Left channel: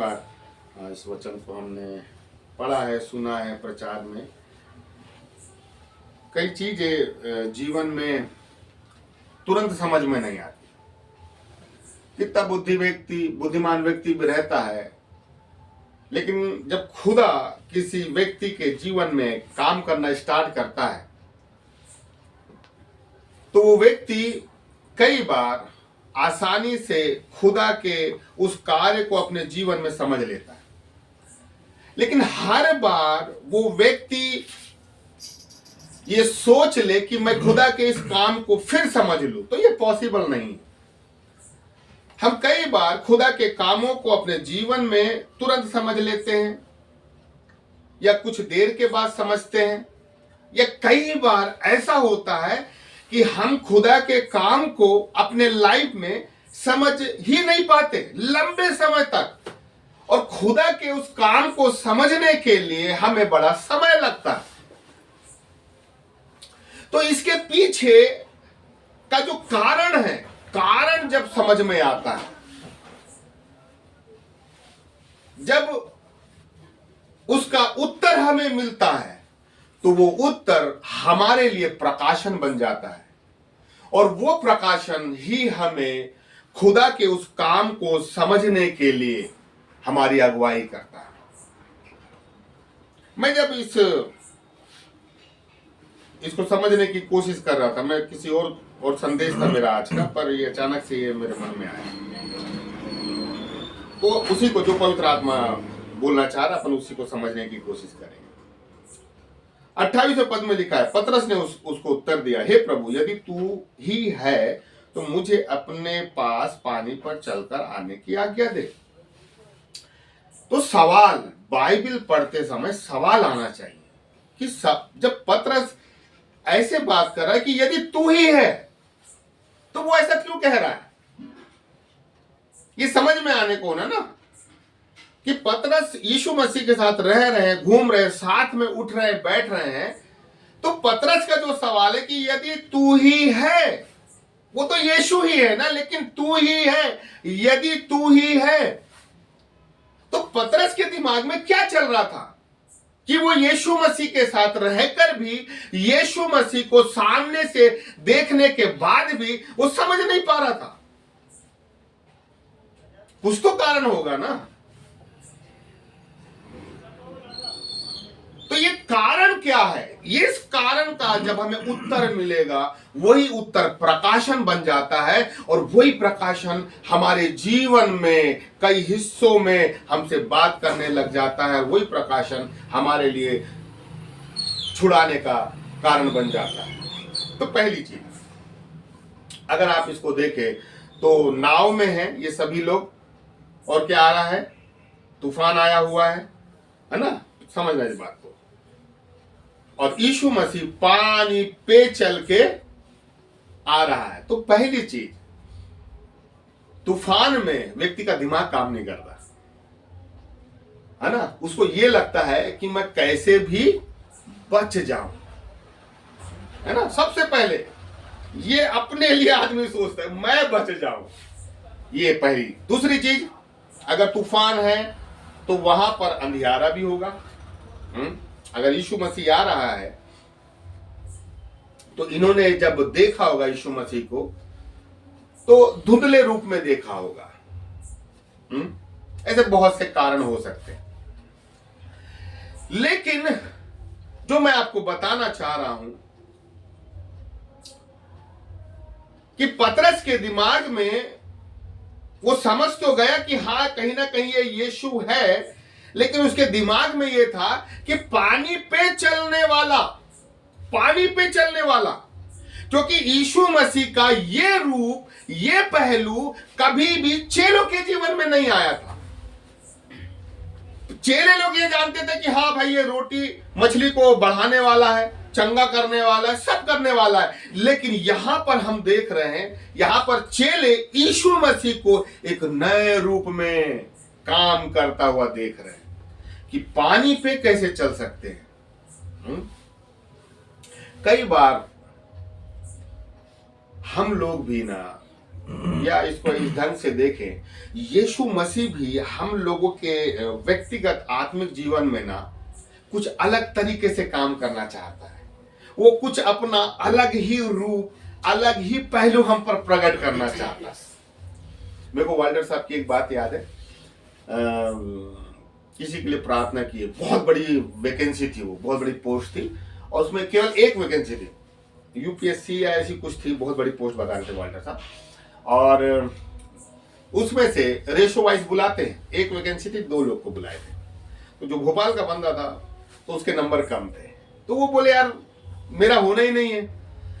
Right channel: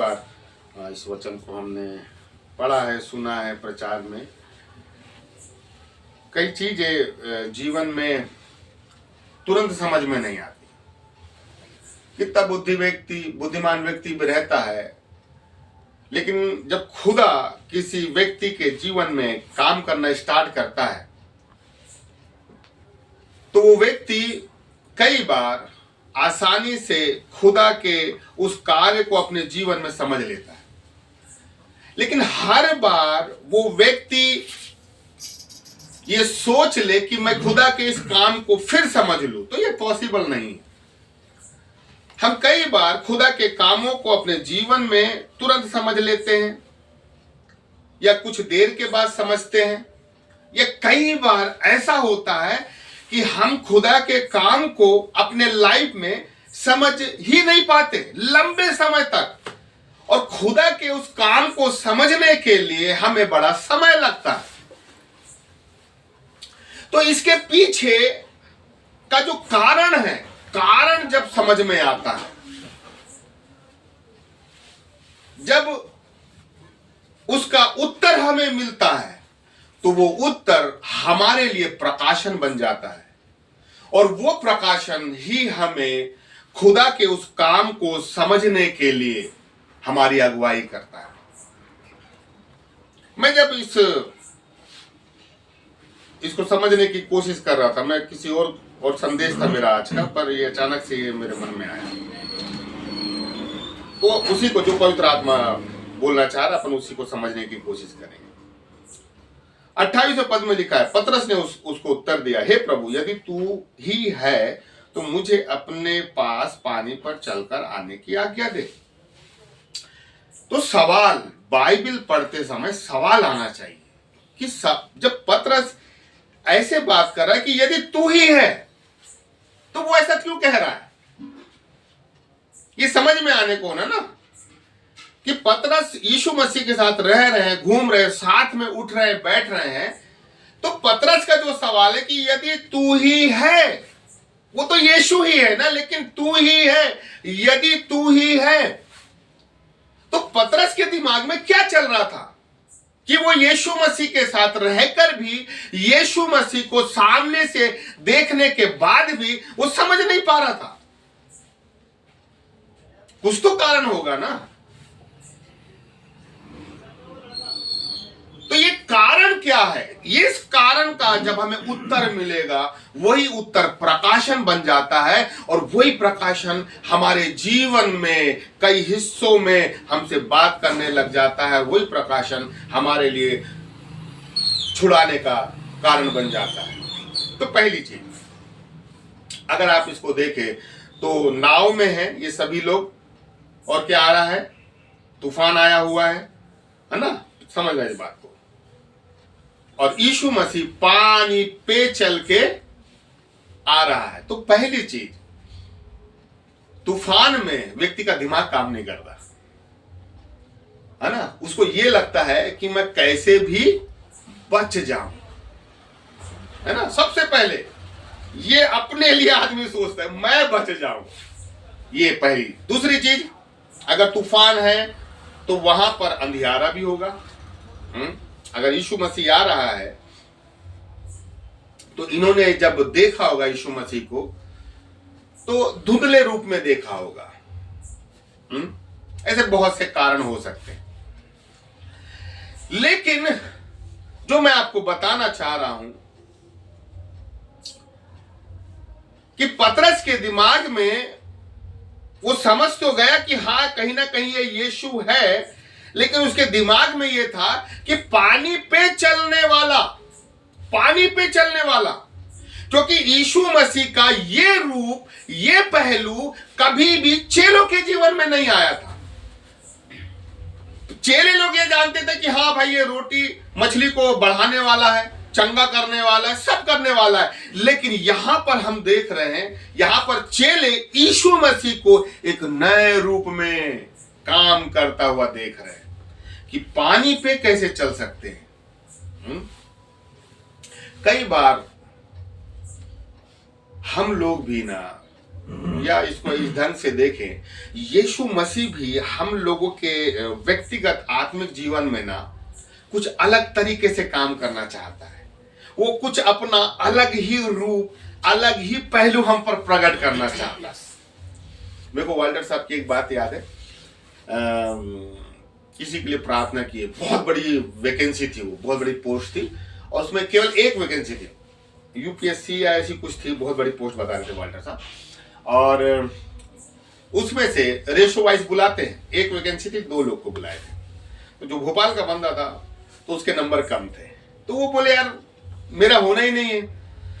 बार इस वचन को हमने पढ़ा है, सुना है प्रचार में। कई चीजें जीवन में तुरंत समझ में नहीं आती। कितना बुद्धिमान व्यक्ति भी रहता है, लेकिन जब खुदा किसी व्यक्ति के जीवन में काम करना स्टार्ट करता है तो वो व्यक्ति कई बार आसानी से खुदा के उस कार्य को अपने जीवन में समझ लेता है, लेकिन हर बार वो व्यक्ति ये सोच ले कि मैं खुदा के इस काम को फिर समझ लूं, तो ये पॉसिबल नहीं। हम कई बार खुदा के कामों को अपने जीवन में तुरंत समझ लेते हैं, या कुछ देर के बाद समझते हैं, या कई बार ऐसा होता है कि हम खुदा के काम को अपने लाइफ में समझ ही नहीं पाते लंबे समय तक, और खुदा के उस काम को समझने के लिए हमें बड़ा समय लगता है। तो इसके पीछे का जो कारण है, कारण जब समझ में आता है, जब उसका उत्तर हमें मिलता है, तो वो उत्तर हमारे लिए प्रकाशन बन जाता है, और वो प्रकाशन ही हमें खुदा के उस काम को समझने के लिए हमारी अगुवाई करता है। मैं जब इसको समझने की कोशिश कर रहा था, मैं किसी और संदेश था मेरा आज का, पर ये अचानक से ये मेरे मन में आया, तो उसी को जो पवित्र आत्मा बोलना चाह रहा, अपन उसी को समझने की कोशिश करेंगे। 28वें पद में लिखा है, पतरस ने उसको उत्तर दिया, हे प्रभु, यदि तू ही है तो मुझे अपने पास पानी पर चलकर आने की आज्ञा दे। तो सवाल, बाइबल पढ़ते समय सवाल आना चाहिए कि जब पतरस ऐसे बात कर रहा है कि यदि तू ही है, तो वो ऐसा क्यों कह रहा है? ये समझ में आने को ना कि पतरस यीशु मसीह के साथ रह रहे हैं, घूम रहे हैं, साथ में उठ रहे हैं, बैठ रहे हैं। तो पतरस का जो सवाल है कि यदि तू ही है, वो तो यीशु ही है ना, लेकिन तू ही है, यदि तू ही है, तो पतरस के दिमाग में क्या चल रहा था कि वो यीशु मसीह के साथ रहकर भी, यीशु मसीह को सामने से देखने के बाद भी वो समझ नहीं पा रहा था। कुछ तो कारण होगा ना। तो ये कारण क्या है? इस कारण का जब हमें उत्तर मिलेगा, वही उत्तर प्रकाशन बन जाता है, और वही प्रकाशन हमारे जीवन में कई हिस्सों में हमसे बात करने लग जाता है। वही प्रकाशन हमारे लिए छुड़ाने का कारण बन जाता है। तो पहली चीज, अगर आप इसको देखें तो नाव में है ये सभी लोग, और क्या आ रहा है? तूफान आया हुआ है ना, समझ रहे इस बात को। और यीशु मसीह पानी पे चल के आ रहा है। तो पहली चीज, तूफान में व्यक्ति का दिमाग काम नहीं करता है ना। उसको ये लगता है कि मैं कैसे भी बच जाऊं, है ना। सबसे पहले ये अपने लिए आदमी सोचता है, मैं बच जाऊं, ये पहली। दूसरी चीज, अगर तूफान है तो वहां पर अंधियारा भी होगा। अगर यीशु मसीह आ रहा है तो इन्होंने जब देखा होगा यीशु मसीह को, तो धुंधले रूप में देखा होगा। ऐसे बहुत से कारण हो सकते हैं, लेकिन जो मैं आपको बताना चाह रहा हूं कि पतरस के दिमाग में वो समझ तो गया कि हाँ, कहीं ना कहीं ये यीशु है, लेकिन उसके दिमाग में ये था कि पानी पे चलने वाला, क्योंकि यीशु मसीह का ये रूप, ये पहलू कभी भी चेलों के जीवन में नहीं आया था। चेले लोग ये जानते थे कि हाँ भाई, ये रोटी मछली को बढ़ाने वाला है, चंगा करने वाला है, सब करने वाला है। लेकिन यहां पर हम देख रहे हैं, यहां पर चेले यीशु मसीह को एक नए रूप में काम करता हुआ देख रहे हैं कि पानी पे कैसे चल सकते हैं। कई बार हम लोग भी ना या इसको इस ढंग से देखें, यीशु मसीह भी हम लोगों के व्यक्तिगत आत्मिक जीवन में ना कुछ अलग तरीके से काम करना चाहता है। वो कुछ अपना अलग ही रूप, अलग ही पहलू हम पर प्रकट करना चाहता है। मेरे को वाल्टर साहब की एक बात याद है, किसी के लिए प्रार्थना की, बहुत बड़ी वैकेंसी थी, वो बहुत बड़ी पोस्ट थी और उसमें केवल एक वैकेंसी थी, यूपीएससी या ऐसी कुछ थी, बहुत बड़ी पोस्ट बता रहे थे वाल्टर साहब। और उसमें से रेशो वाइज बुलाते हैं, एक वैकेंसी थी, 2 लोग को बुलाए थे। तो जो भोपाल का बंदा था तो उसके नंबर कम थे, तो वो बोले यार मेरा होना ही नहीं है,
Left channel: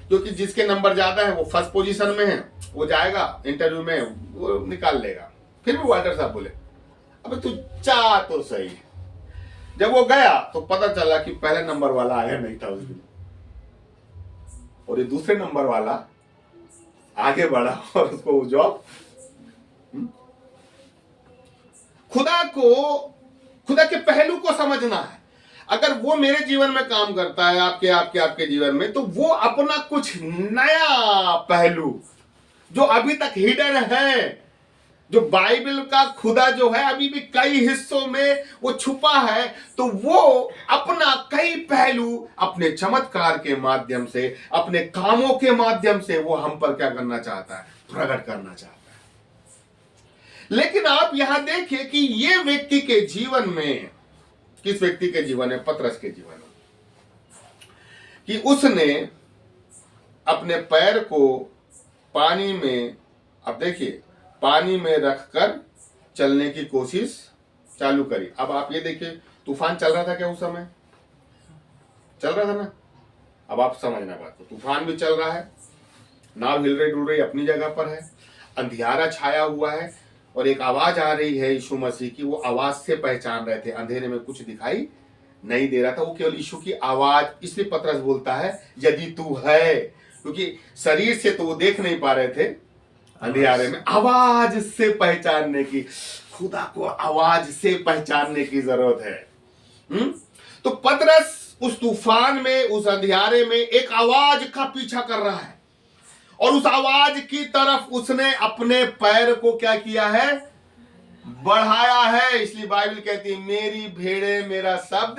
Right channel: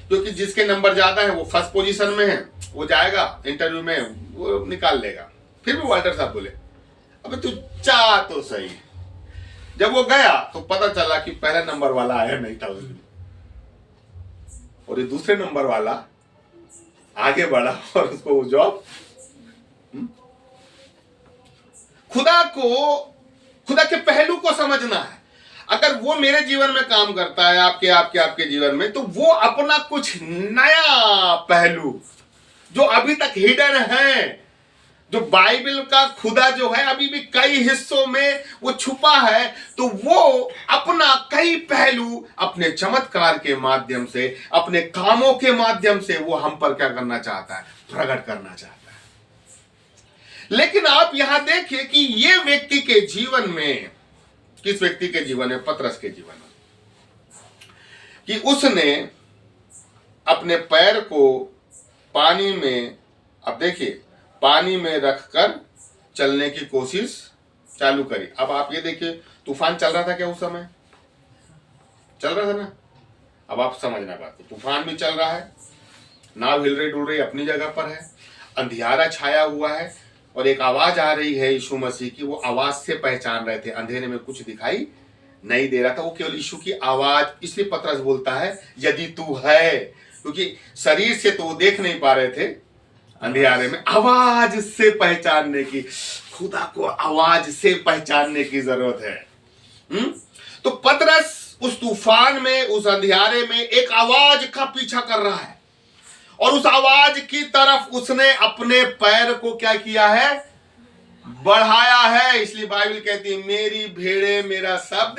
क्योंकि जिसके नंबर ज्यादा है वो फर्स्ट पोजीशन में है, वो जाएगा इंटरव्यू में, वो निकाल लेगा। फिर भी वाल्टर साहब बोले अबे तू चाह तो सही। जब वो गया तो पता चला कि पहला नंबर वाला आया नहीं था उस दिन, और ये दूसरे नंबर वाला आगे बढ़ा और उसको जॉब। खुदा के पहलू को समझना है। अगर वो मेरे जीवन में काम करता है, आपके जीवन में, तो वो अपना कुछ नया पहलू जो अभी तक हिडन है, जो बाइबल का खुदा जो है अभी भी कई हिस्सों में वो छुपा है, तो वो अपना कई पहलू अपने चमत्कार के माध्यम से, अपने कामों के माध्यम से वो हम पर क्या करना चाहता है, प्रकट करना चाहता है। लेकिन आप यहां देखिए कि ये व्यक्ति के जीवन में, किस व्यक्ति के जीवन में, पतरस के जीवन में, कि उसने अपने पैर को पानी में, अब देखिए, पानी में रखकर चलने की कोशिश चालू करी। अब आप ये देखिए, तूफान चल रहा था क्या उस समय? चल रहा था ना। अब आप समझना बात को, तूफान भी चल रहा है, नाव हिल रही डुल रही अपनी जगह पर है, अंधियारा छाया हुआ है, और एक आवाज आ रही है यीशु मसीह की। वो आवाज से पहचान रहे थे, अंधेरे में कुछ दिखाई नहीं दे रहा था, वो केवल यीशु की आवाज। इसलिए पतरस बोलता है यदि तू है, क्योंकि शरीर से तो वो देख नहीं पा रहे थे, अंधियारे में आवाज से पहचानने की, खुदा को आवाज से पहचानने की जरूरत है। तो पतरस उस तूफान में, उस अंधियारे में एक आवाज का पीछा कर रहा है, और उस आवाज की तरफ उसने अपने पैर को क्या किया है, बढ़ाया है। इसलिए बाइबल कहती है मेरी भेड़ें मेरा शब्द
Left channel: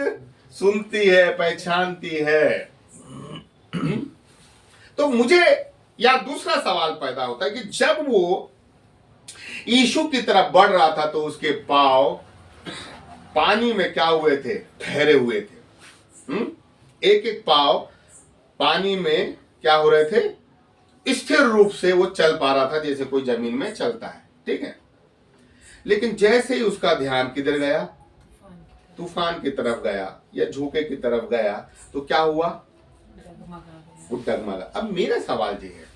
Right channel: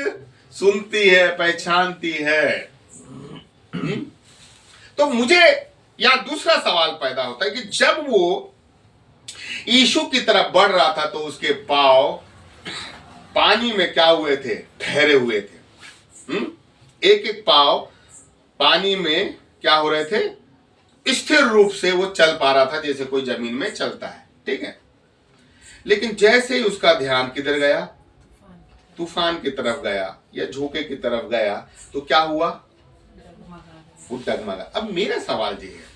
सुनती है, पहचानती है। तो मुझे या दूसरा सवाल पैदा होता है कि जब वो यीशु की तरफ बढ़ रहा था तो उसके पांव पानी में क्या हुए थे, ठहरे हुए थे। एक एक पांव पानी में क्या हो रहे थे, स्थिर रूप से वो चल पा रहा था, जैसे कोई जमीन में चलता है, ठीक है। लेकिन जैसे ही उसका ध्यान किधर गया, तूफान की तरफ गया या झोंके की तरफ गया, तो क्या हुआ, वो डगमगा। अब मेरा सवाल ये है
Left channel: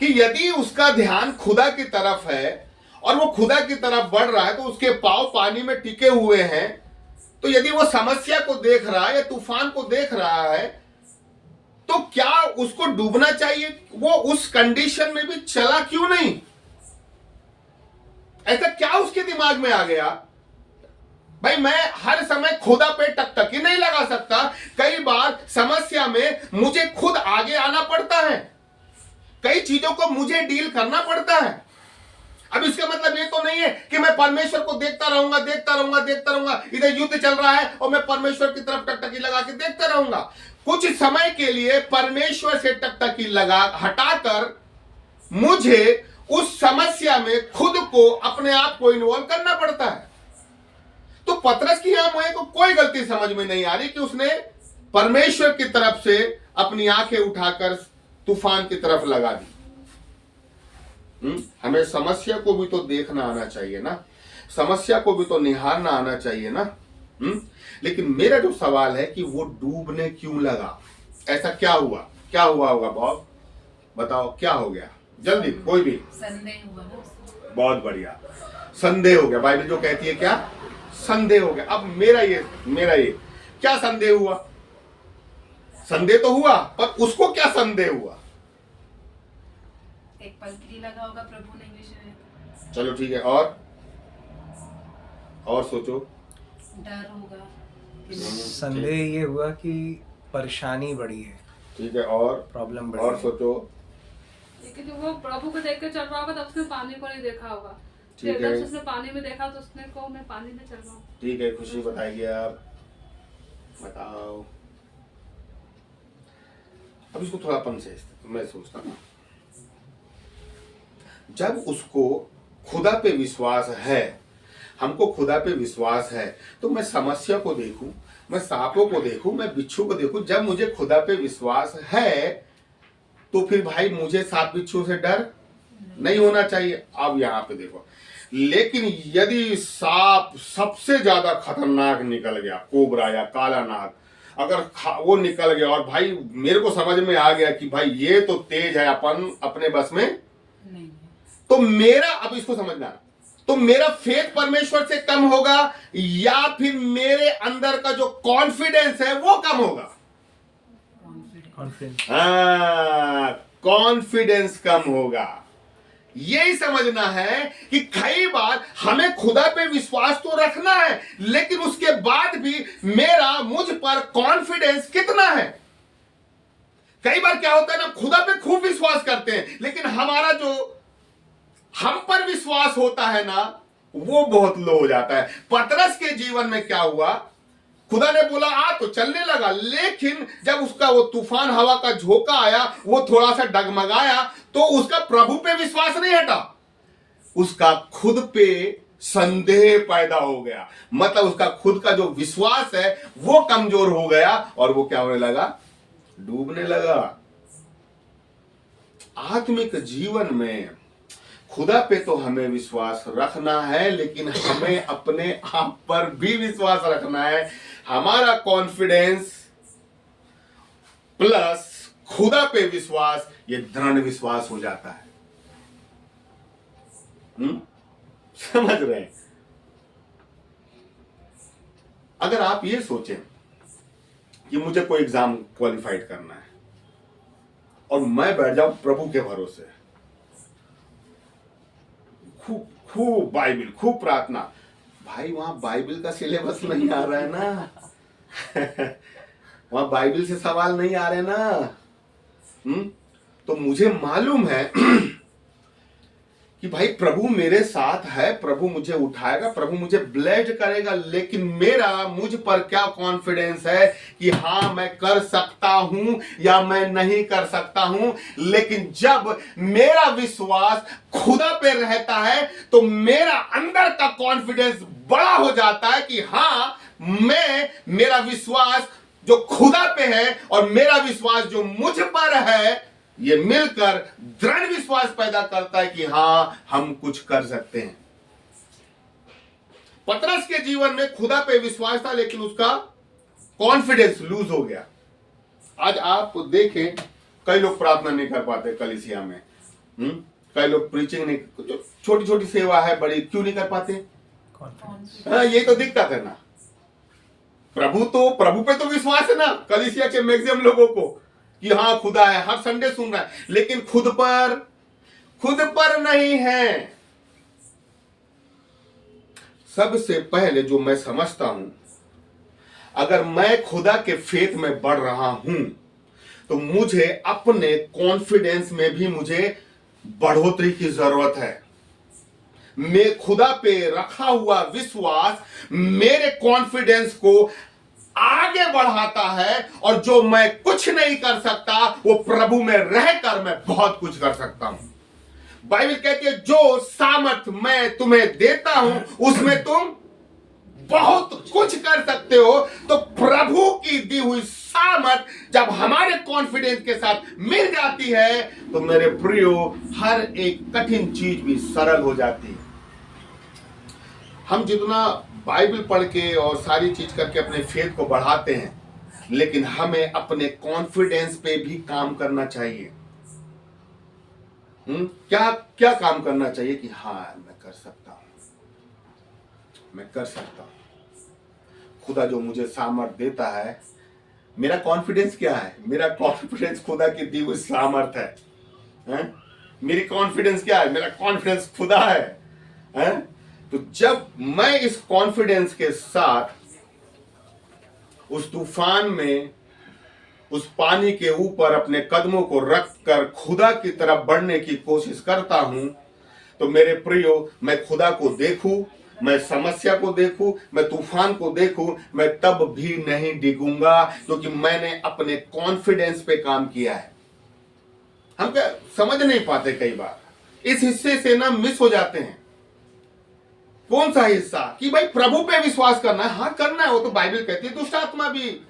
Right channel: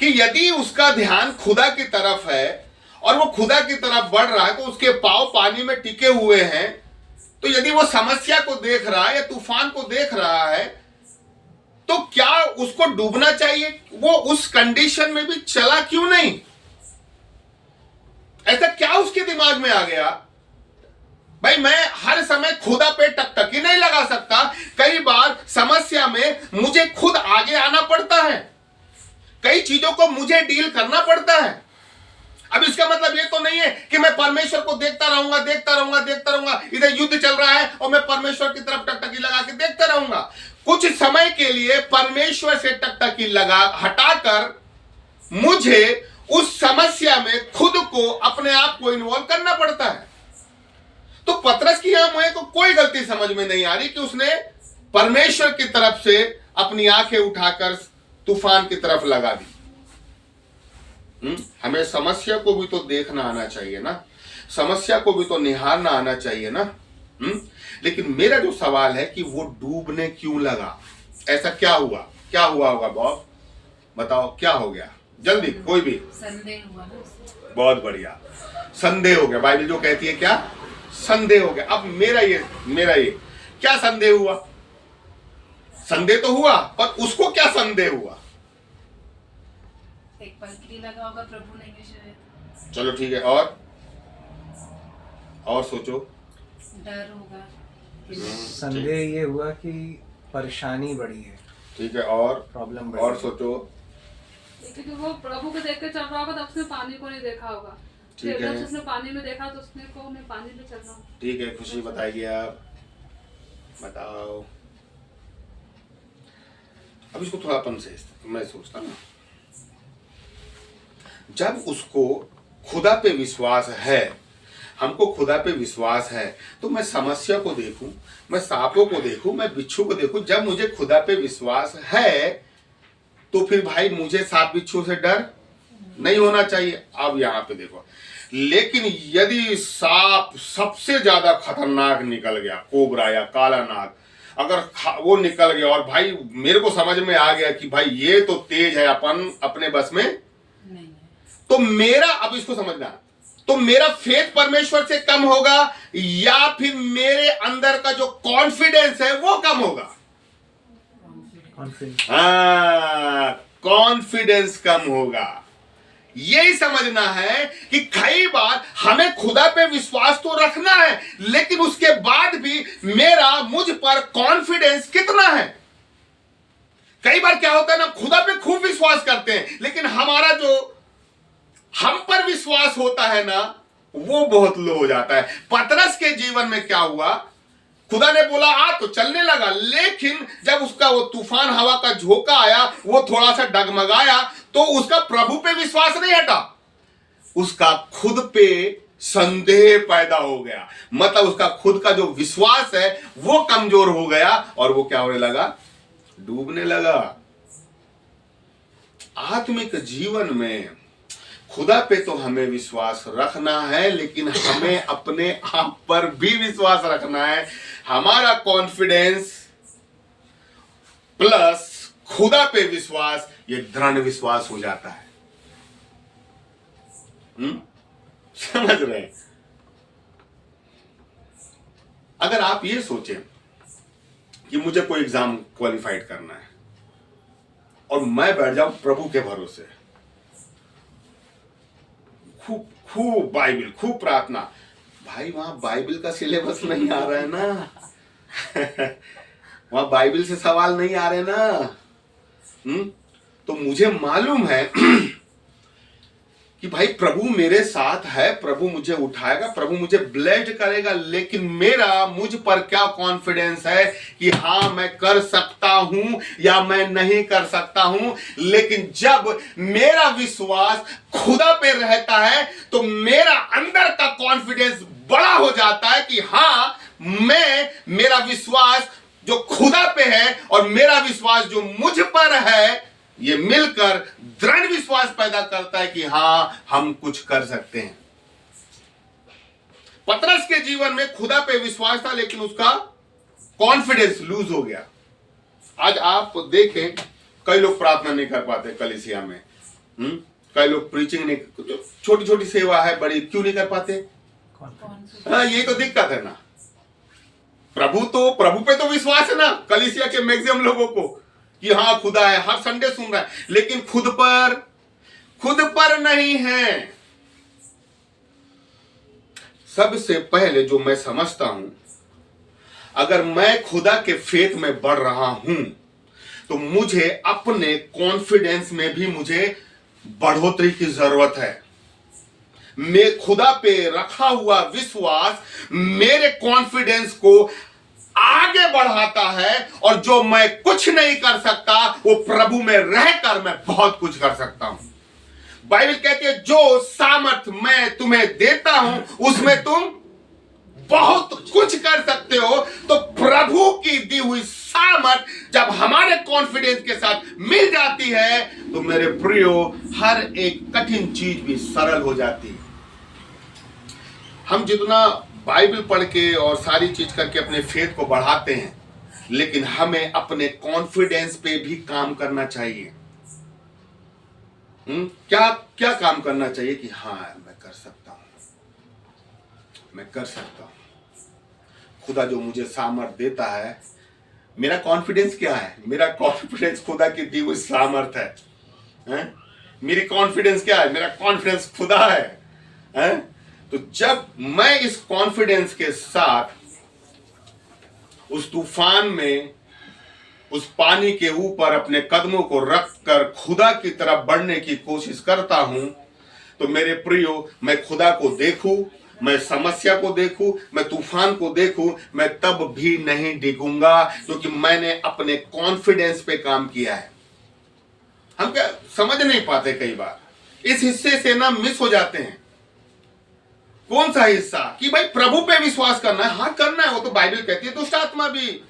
कि यदि उसका ध्यान खुदा की तरफ है और वो खुदा की तरफ बढ़ रहा है, तो उसके पांव पानी में टिके हुए हैं, तो यदि वो समस्या को देख रहा है या तूफान को देख रहा है, तो क्या उसको डूबना चाहिए? वो उस कंडीशन में भी चला क्यों नहीं? ऐसा क्या उसके दिमाग में आ गया? भाई मैं हर समय खुदा पे टकटकी नहीं लगा सकता, कई बार समस्या में मुझे खुद आगे आना पड़ता है, कई चीजों को मुझे डील करना पड़ता है। अब इसका मतलब ये तो नहीं है कि मैं परमेश्वर को देखता रहूंगा, इधर युद्ध चल रहा है और मैं परमेश्वर की तरफ टकटकी लगा के देखता रहूंगा। कुछ समय के लिए परमेश्वर से टकटकी लगा हटाकर मुझे उस समस्या में खुद को, अपने आप को इन्वॉल्व करना पड़ता है। तो पतरस की यहां मुझे को कोई गलती समझ में नहीं आ रही कि उसने परमेश्वर की तरफ से अपनी आंखें उठाकर तूफान की तरफ लगा दी। हमें समस्या को भी तो देखना आना चाहिए ना, समस्या को भी तो निहारना आना चाहिए ना। लेकिन मेरा जो सवाल है कि वो डूबने क्यों लगा? ऐसा क्या हुआ होगा बॉब, बताओ क्या हो गया जल्दी, कोई भी संदेह हुआ ना। बहुत बढ़िया, संदेह हो गया। बाइबल जो कहती है क्या, संदेह हो गया। अब मेरा ये क्या संदेह हुआ? संदेह तो हुआ, पर उसको क्या संदेह हुआ? एक पलटी लगा होगा, प्रभु नहीं विषय। चलो ठीक है, और सोचो। डर होगा। संदेह ये हुआ कि परेशानी बढ़ी है, ठीक है, और प्रॉब्लम और सोचो। क्योंकि वो प्रभु को देख के चल रहा होगा तो उसने पानी को नहीं देखा होगा। ठीक फिर है। जब उसने पानी में देखा तो उसने को मैं पानी में चल रहा हूँ। ठीक है, खुशी बताइए आप, बताओ। अब इसको थोड़ा अपन से मैं सोचता ना, जब उसको खुदा पे विश्वास है, हमको खुदा पे विश्वास है, तो मैं समस्या को देखूं, मैं सांपों को देखूं, मैं बिच्छू को देखूं। जब मुझे खुदा पे विश्वास है तो फिर भाई मुझे सांप बिच्छू से डर नहीं होना चाहिए। अब यहां पे देखो, लेकिन यदि सांप सबसे ज्यादा खतरनाक निकल गया, कोबरा या काला नाग, अगर वो निकल गया और भाई मेरे को समझ में आ गया कि भाई ये तो तेज है, अपन अपने बस में नहीं। तो मेरा, अब इसको समझना, तो मेरा फेथ परमेश्वर से कम होगा या फिर मेरे अंदर का जो कॉन्फिडेंस है वो कम होगा? कॉन्फिडेंस। हाँ, कॉन्फिडेंस कम होगा। यही समझना है कि कई बार हमें खुदा पे विश्वास तो रखना है, लेकिन उसके बाद भी मुझ पर कॉन्फिडेंस कितना है। कई बार क्या होता है ना, खुदा पे खूब विश्वास करते हैं, लेकिन हमारा जो हम पर विश्वास होता है ना, वो बहुत लो हो जाता है। पतरस के जीवन में क्या हुआ, खुदा ने बोला आ तो चलने लगा, लेकिन जब उसका वो तूफान हवा का झोंका आया, वो थोड़ा सा डगमगाया, तो उसका प्रभु पे विश्वास नहीं हटा, उसका खुद पे संदेह पैदा हो गया। मतलब उसका खुद का जो विश्वास है वो कमजोर हो गया और वो क्या होने लगा, डूबने लगा। आत्मिक जीवन में खुदा पे तो हमें विश्वास रखना है, लेकिन हमें अपने आप पर भी विश्वास रखना है। हमारा कॉन्फिडेंस प्लस खुदा पे विश्वास, ये दृढ़ विश्वास हो जाता है। समझ रहे हैं? अगर आप ये सोचें कि मुझे कोई एग्जाम क्वालिफाइड करना है और मैं बैठ जाऊं प्रभु के भरोसे, खूब खूब बाइबल, खूब प्रार्थना, भाई वहां बाइबल का सिलेबस नहीं आ रहा है ना वहां बाइबल से सवाल नहीं आ रहे ना। तो मुझे मालूम है कि भाई प्रभु मेरे साथ है, प्रभु मुझे उठाएगा, प्रभु मुझे ब्लेस्ड करेगा, लेकिन मुझ पर क्या कॉन्फिडेंस है कि हाँ मैं कर सकता हूं या मैं नहीं कर सकता हूं। लेकिन जब मेरा विश्वास खुदा पे रहता है तो मेरा अंदर का कॉन्फिडेंस बड़ा हो जाता है कि हाँ मेरा विश्वास जो खुदा पे है और मेरा विश्वास जो मुझ पर है, ये मिलकर दृढ़ विश्वास पैदा करता है कि हां हम कुछ कर सकते हैं। पतरस के जीवन में खुदा पे विश्वास था, लेकिन उसका कॉन्फिडेंस लूज हो गया। आज आप देखें, कई लोग प्रार्थना नहीं कर पाते कलीसिया में, कई लोग प्रीचिंग नहीं, छोटी छोटी सेवा है बड़ी, क्यों नहीं कर पाते? हाँ, ये तो दिक्कत है ना। प्रभु पे तो विश्वास है ना कलीसिया के मैक्सिमम लोगों को कि हाँ खुदा है, हर संडे सुन रहा है, लेकिन खुद पर नहीं है। सबसे पहले जो मैं समझता हूं, अगर मैं खुदा के फेथ में बढ़ रहा हूं तो मुझे अपने कॉन्फिडेंस में भी मुझे बढ़ोतरी की जरूरत है। मैं खुदा पे रखा हुआ विश्वास मेरे कॉन्फिडेंस को आगे बढ़ाता है, और जो मैं कुछ नहीं कर सकता वो प्रभु में रहकर मैं बहुत कुछ कर सकता हूं। बाइबल कहती है जो सामर्थ मैं तुम्हें देता हूं उसमें तुम बहुत कुछ कर सकते हो। तो प्रभु की दी हुई सामर्थ जब हमारे कॉन्फिडेंस के साथ मिल जाती है तो मेरे प्रियो हर एक कठिन चीज भी सरल हो जाती है। हम जितना बाइबल पढ़ के और सारी चीज करके अपने फेथ को बढ़ाते हैं, लेकिन हमें अपने कॉन्फिडेंस पे भी काम करना चाहिए। क्या क्या काम करना चाहिए कि हाँ मैं कर सकता हूं, मैं कर सकता हूं। खुदा जो मुझे सामर्थ देता है, मेरा कॉन्फिडेंस क्या है? मेरा कॉन्फिडेंस खुदा की दी हुई सामर्थ है। मेरी कॉन्फिडेंस क्या है? मेरा कॉन्फिडेंस खुदा है। तो जब मैं इस कॉन्फिडेंस के साथ उस तूफान में उस पानी के ऊपर अपने कदमों को रखकर खुदा की तरफ बढ़ने की कोशिश करता हूं, तो मेरे प्रियो, मैं खुदा को देखूं, मैं समस्या को देखूं, मैं तूफान को देखूं, मैं तब भी नहीं डिगूंगा, क्योंकि मैंने अपने कॉन्फिडेंस पे काम किया है। हम क्या समझ नहीं पाते, कई बार इस हिस्से से ना मिस हो जाते हैं। कौन सा हिस्सा? कि भाई प्रभु पे विश्वास करना है। हाँ, करना है, वो तो बाइबल कहती है। दुष्ट आत्मा भी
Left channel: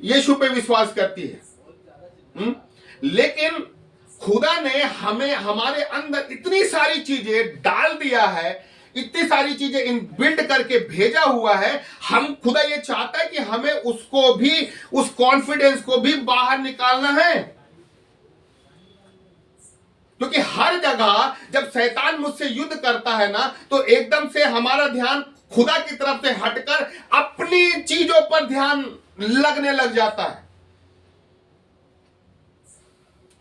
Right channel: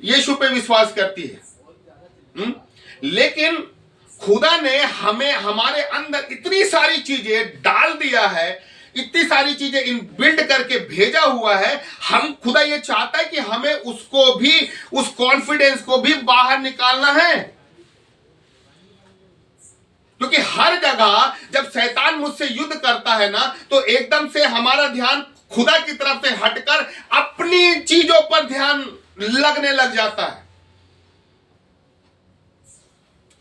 यीशु पे विश्वास करती है। लेकिन खुदा ने हमें, हमारे अंदर इतनी सारी चीजें डाल दिया है, इतनी सारी चीजें इन बिल्ड करके भेजा हुआ है। हम, खुदा ये चाहता है कि हमें उसको भी, उस कॉन्फिडेंस को भी बाहर निकालना है। क्योंकि हर जगह जब शैतान मुझसे युद्ध करता है ना, तो एकदम से हमारा ध्यान खुदा की तरफ से हटकर अपनी चीजों पर ध्यान लगने लग जाता है।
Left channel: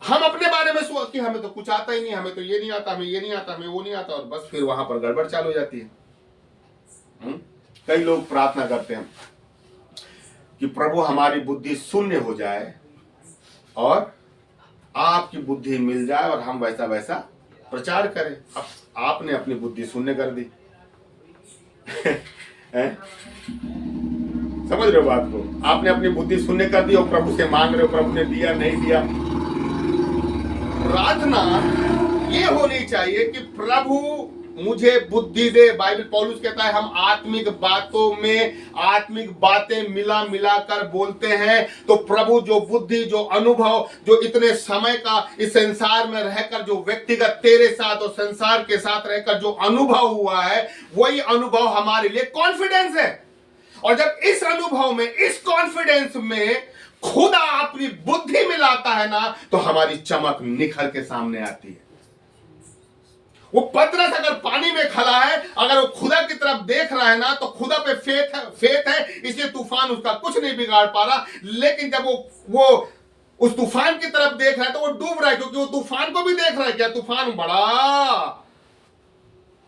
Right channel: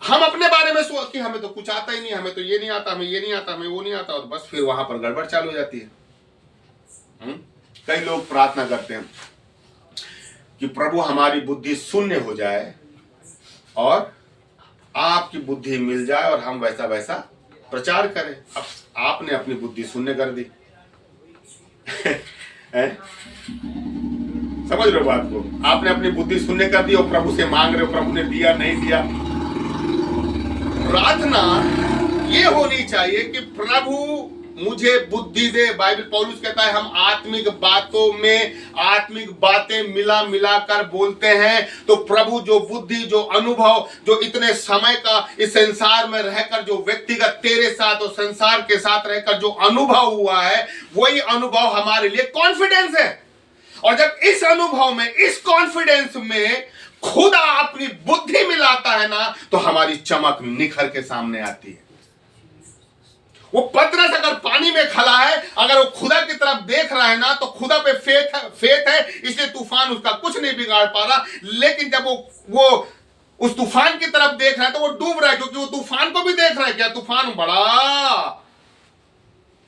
हम अपने बारे में सोच कि हमें तो कुछ आता ही नहीं, हमें तो ये नहीं आता, हमें ये नहीं आता, हमें वो नहीं आता, और बस फिर वहां पर गड़बड़ चालू हो जाती है। कई लोग प्रार्थना करते हैं कि प्रभु हमारी बुद्धि शून्य हो जाए और आपकी बुद्धि मिल जाए और हम वैसा वैसा प्रचार करें। अब आपने अपनी बुद्धि शून्य कर दी। समझ रहे हो बात को? आपने अपनी बुद्धि शून्य कर दी और प्रभु से मांग रहे हो, प्रभु ने दिया नहीं दिया। प्रार्थना ये होनी चाहिए कि प्रभु मुझे बुद्धि दे। बाइबल पौलुस कहता है हम आत्मिक बातों में आत्मिक बातें मिला मिला कर बोलते हैं। तो प्रभु जो बुद्धि, जो अनुभव, जो इतने समय का इस संसार में रहकर जो व्यक्तिगत तेरे साथ और संसार के साथ रहकर जो अनुभव हुआ है, वही अनुभव हमारे लिए कॉन्फिडेंस है। और जब इस अनुभव में, इस कॉन्फिडेंस में खुदा अपनी बुद्धि मिलाता है ना, तो हमारी चमक निखर के सामने आती है। वो पतरस अगर पानी में खड़ा है, अगर वो खुदा की तरफ देख रहा है ना, तो खुदा पे फेथ है, इसलिए तूफान उसका कुछ नहीं बिगाड़ पा रहा। लेकिन जब वो उस तूफान की तरफ देख रहा है तो वो डूब रहा है, क्योंकि वो तूफान को भी देख रहा है। क्या तूफान बड़ा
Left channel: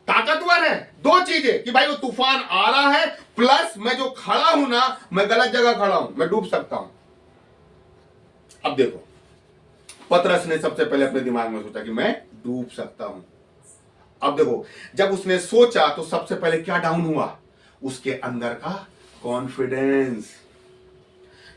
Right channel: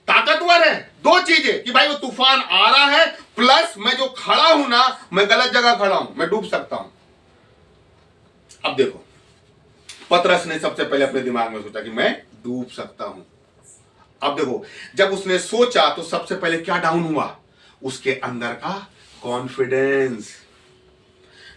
ताकतवर है? दो चीजें, कि भाई वो तूफान आ रहा है, प्लस मैं जो खड़ा हूं ना, मैं गलत जगह खड़ा हूं, मैं डूब सकता हूं। अब देखो, पतरस ने सबसे पहले अपने दिमाग में सोचा कि मैं डूब सकता हूं। अब देखो, जब उसने सोचा तो सबसे पहले क्या डाउन हुआ? उसके अंदर का कॉन्फिडेंस।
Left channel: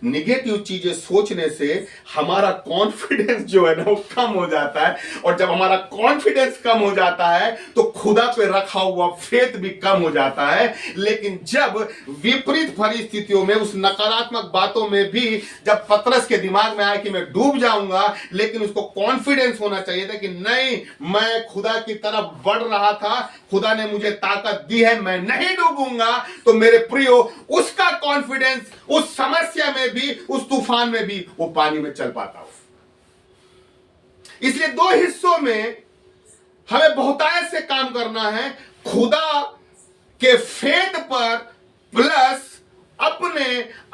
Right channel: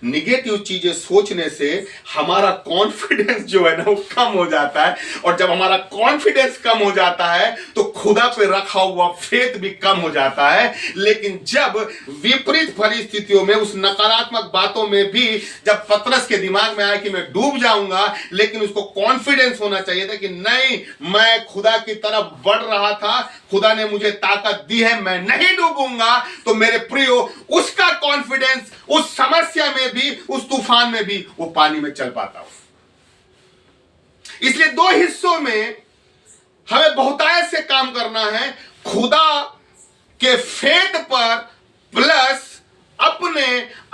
निगेटिव चीजें सोचने से हमारा कॉन्फिडेंस जो है ना, वो कम हो जाता है। और जब हमारा कॉन्फिडेंस कम हो जाता है तो खुदा पे रखा हुआ फेथ भी कम हो जाता है। लेकिन जब विपरीत परिस्थितियों में, उस नकारात्मक बातों में भी जब पतरस के दिमाग में आया कि मैं डूब जाऊंगा, लेकिन उसको कॉन्फिडेंस होना चाहिए था कि नहीं, मैं खुदा की तरफ बढ़ रहा था, खुदा ने मुझे ताकत दी है, मैं नहीं डूबूंगा। तो मेरे प्रियो, उसका कॉन्फिडेंस उस समस्या में भी, उस तूफान में भी वो पानी में चल पाता हो। इसलिए दो हिस्सों में हमें बहुतायत से काम करना है। खुदा के फेथ पर प्लस अपने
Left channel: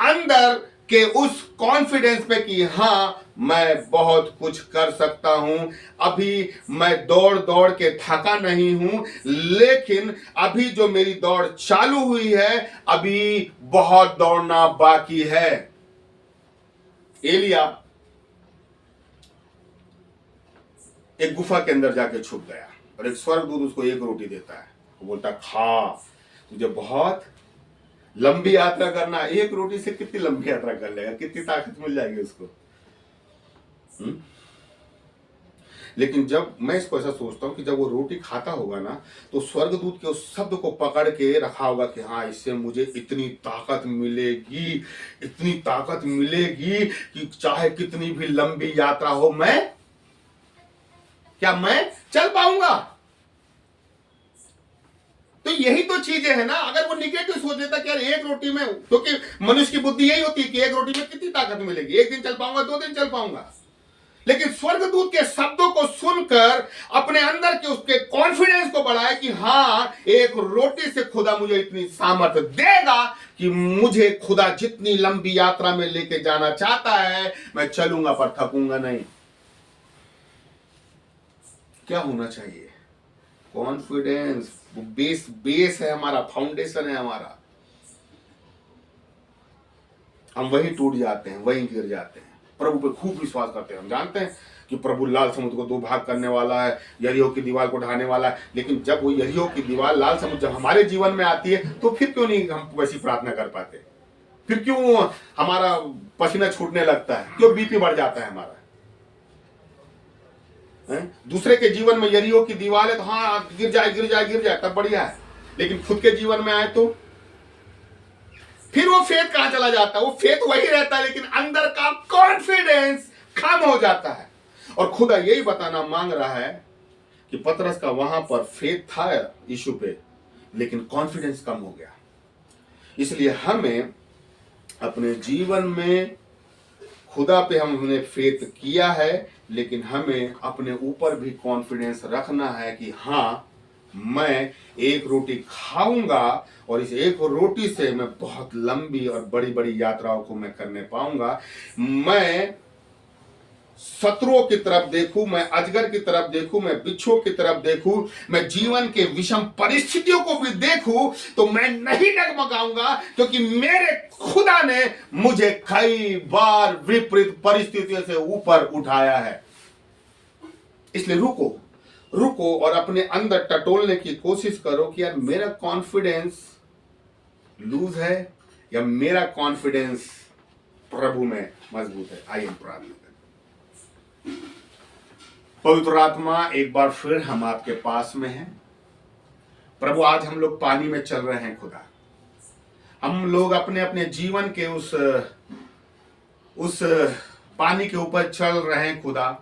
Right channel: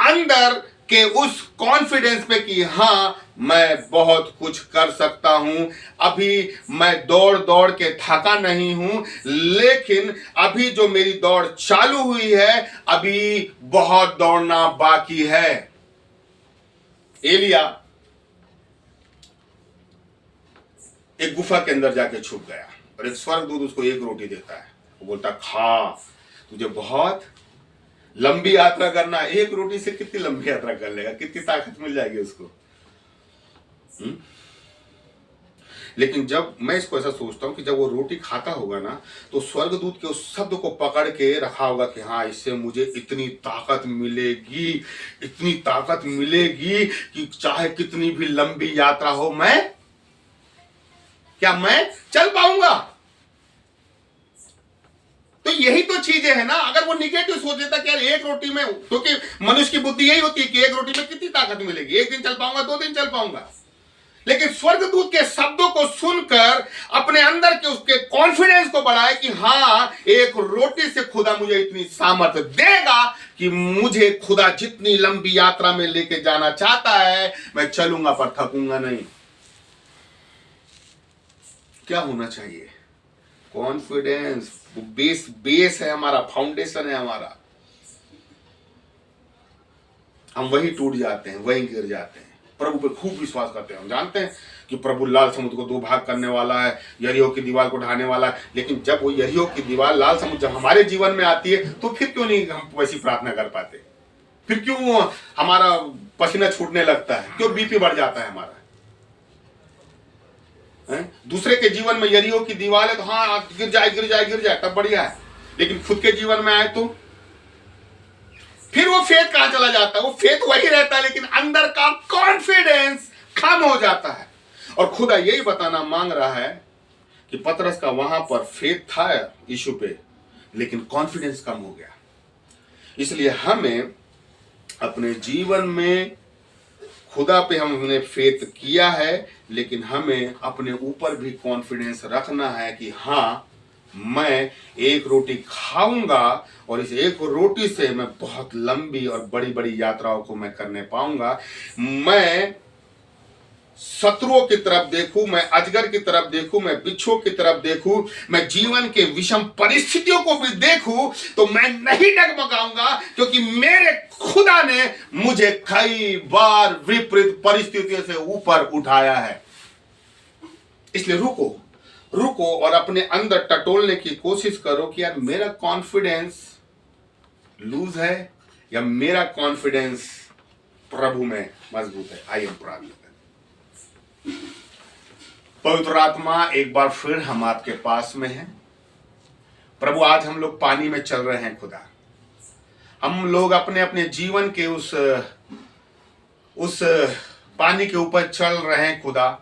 अंदर के उस कॉन्फिडेंस पे कि हां, मैं बहुत कुछ कर सकता हूं। अभी मैं दौड़ दौड़ के थका नहीं हूं, लेकिन अभी जो मेरी दौड़ चालू हुई है, अभी बहुत दौड़ना बाकी है। एलिया एक गुफा के अंदर जाके छुप गया और एक स्वर्गदूत उसको एक रोटी देता है। वो बोलता, खा, तुझे बहुत लंबी यात्रा करना। एक रोटी से कितनी लंबी यात्रा कर लेगा? कितनी ताकत मिल जाएगी उसको? लेकिन जब मैं इसको ऐसा सोचता हूं कि जब वो रोटी खाता होगा ना, तो स्वर्गदूत के उस शब्द को पकड़ के रखा होगा कि हाँ, इससे मुझे इतनी ताकत मिलेगी, इतनी ताकत मिलेगी कि चाहे कितनी भी लंबी यात्रा हो, मैं चल पाऊंगा। तो यही तो चीजें है ना। अगर वो निगेटिव सोच लेता कि यार एक रोटी में, क्योंकि मनुष्य की बुद्धि यही होती है कि एक रोटी में कितनी ताकत मिलेगी, एक दिन चल पाऊंगा, 2 दिन चल पाऊंगा। लेकिन स्वर्गदूत के शब्दों को सुनकर अपने अंदर के उसके कॉन्फिडेंस को बढ़ाए कि हाँ, एक रोटी से खुदा मुझे इतनी सामर्थ्य देगा कि मुझे खुदा जितनी लंबी यात्रा में लेके जाना चाहता है, मैं चलूंगा पर थकूंगा नहीं। क्या होना चाहिए? कॉन्फिडेंस। बेस है हमारा, फाउंडेशन है हमारा। हम वही टूट जाते हैं, वही गिर जाते हैं। प्रभु पे खूब विश्वास करते हैं, हम जानते हैं कि प्रभु लाल समुद्र को 2 भाग करने वाला है, यरीहो की दीवार को ढाने वाला है। लेकिन जब वो यरीहो की दीवार, लाल समुद्र जब हमारे जीवन में आती है, तो फिर क्यों नहीं हम वैसी प्रार्थना कर पाते? फिर क्यों हमारा पसीना छूटने लगता है? क्यों बीपी बढ़ जाता है हमारा? दूसरे के जीवन में यरीहो की दीवार है तो हाँ गिर जाए तब बढ़िया है, लेकिन खुद के जीवन में आए तो फिर वो फेथ कहां चला जाता है? वो फेथ वही रहता है, लेकिन अंदर का कॉन्फिडेंस कम हो जाता है। और खुदा यही बताना मांग रहा है कि पतरस का वहां पर फेथ था यीशु पे, लेकिन कॉन्फिडेंस कम हो गया। इसलिए हमें अपने जीवन में खुदा पे हमने फेथ किया है, लेकिन हमें अपने ऊपर भी कॉन्फिडेंस रखना है कि हाँ, मैं एक रोटी खाऊंगा और इस एक रोटी से मैं बहुत लंबी और बड़ी बड़ी यात्राओं को मैं करने पाऊंगा। मैं शत्रुओं की तरफ देखूं, मैं अजगर की तरफ देखूं, मैं बिच्छुओं की तरफ देखूं, मैं जीवन के विषम परिस्थितियों को भी देखूं, तो मैं नहीं डगमगाऊंगा, क्योंकि मेरे खुदा ने मुझे कई बार विपरीत परिस्थितियों से ऊपर उठाया है। इसलिए रुको और अपने अंदर टटोलने की कोशिश करो कि यार मेरा कॉन्फिडेंस लूज है या मेरा कॉन्फिडेंस प्रभु में मजबूत है। आइए प्रार्थना करें। पवित्र आत्मा, एक बार फिर हम आपके पास में हैं प्रभु। आज हम लोग पानी में चल रहे हैं खुदा। हम लोग अपने अपने जीवन के उस पानी के ऊपर चल रहे हैं खुदा।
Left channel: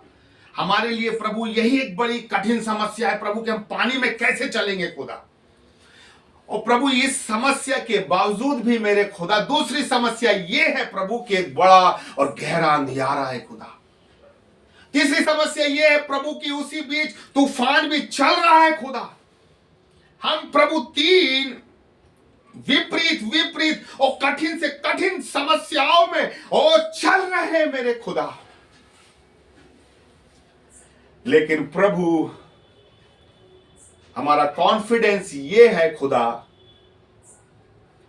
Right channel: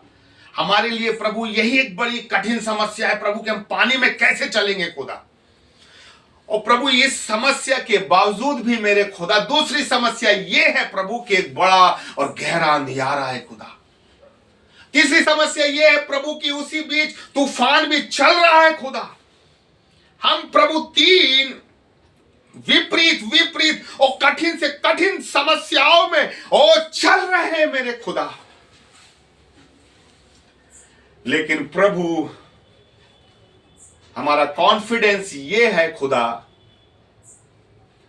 हमारे लिए प्रभु यही एक बड़ी कठिन समस्या है प्रभु कि हम पानी में कैसे चलेंगे खुदा। और प्रभु इस समस्या के बावजूद भी मेरे खुदा दूसरी समस्या ये है प्रभु कि एक बड़ा और गहरा अंधियारा है खुदा। तीसरी समस्या ये है प्रभु कि उसी बीच तूफान भी चल रहा है खुदा। हम प्रभु 3 विपरीत और कठिन से कठिन समस्याओं में चल रहे हैं मेरे खुदा। लेकिन प्रभु हमारा कॉन्फिडेंस ये है खुदा,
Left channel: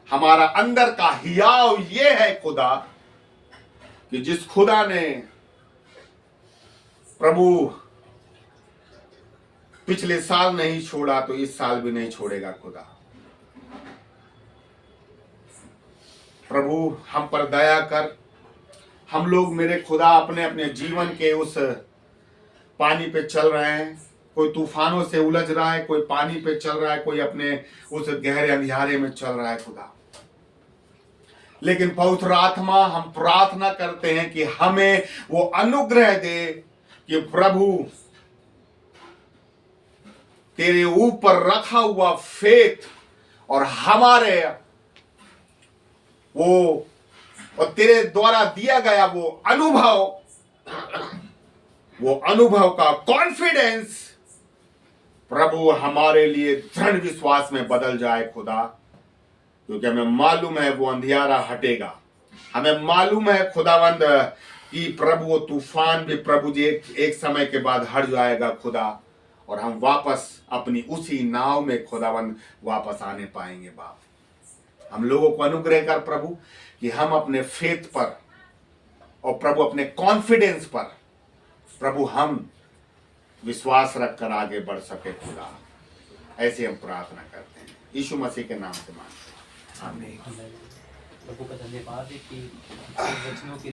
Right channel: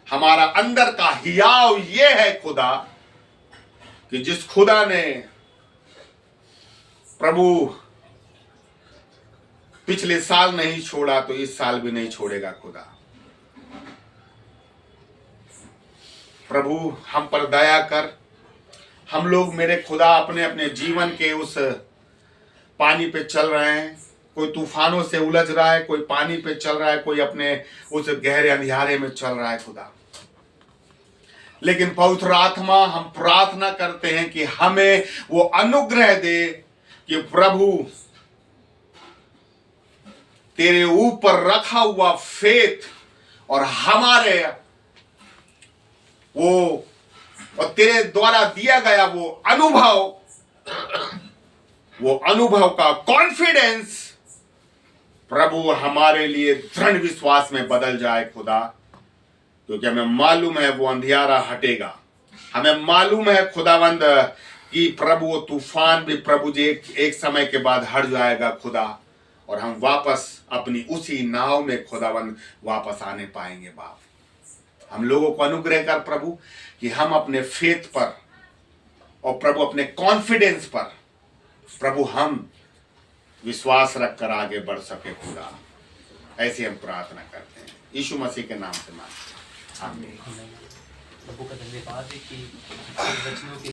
हमारा अंदर का हियाव ये है खुदा कि जिस खुदा ने प्रभु पिछले साल नहीं छोड़ा तो इस साल भी नहीं छोड़ेगा खुदा। प्रभु हम पर दया कर। हम लोग मेरे खुदा अपने अपने जीवन के उस पानी पे चल रहे हैं। कोई तूफानों से उलझ रहा है, कोई पानी पे चल रहा है, कोई अपने उस गहरे अंधियारे में चल रहा है खुदा। लेकिन पवित्र आत्मा, हम प्रार्थना करते हैं कि हमें वो अनुग्रह दे कि प्रभु तेरे ऊपर रखा हुआ फेथ और हमारे वो और तेरे द्वारा दिया गया वो अनुभव का कॉन्फिडेंस प्रभु हमारे लिए दृढ़ विश्वास में बदल जाए खुदा। क्योंकि हमें मालूम है वो अंधियारा हटेगा। हमें मालूम है खुदावंद कि प्रभु वो तूफान भी प्रभु जी एक समय के बाद हट जाएगा खुदा, और हम वापस अपनी उसी नाव में खुदावंद वापस आने पाएंगे। बाप, हम लोगों को अनुग्रह कर प्रभु कि हम अपने फेथ पर और प्रभु अपने कॉन्फिडेंस पर प्रभु हम विश्वास रखकर आगे बढ़ सके खुदा। ऐसे हम प्रार्थना करते हैं यीशु मसीह के नाम से मांगते हैं। आमीन। प्रभु का धन्यवाद है कि वचनों के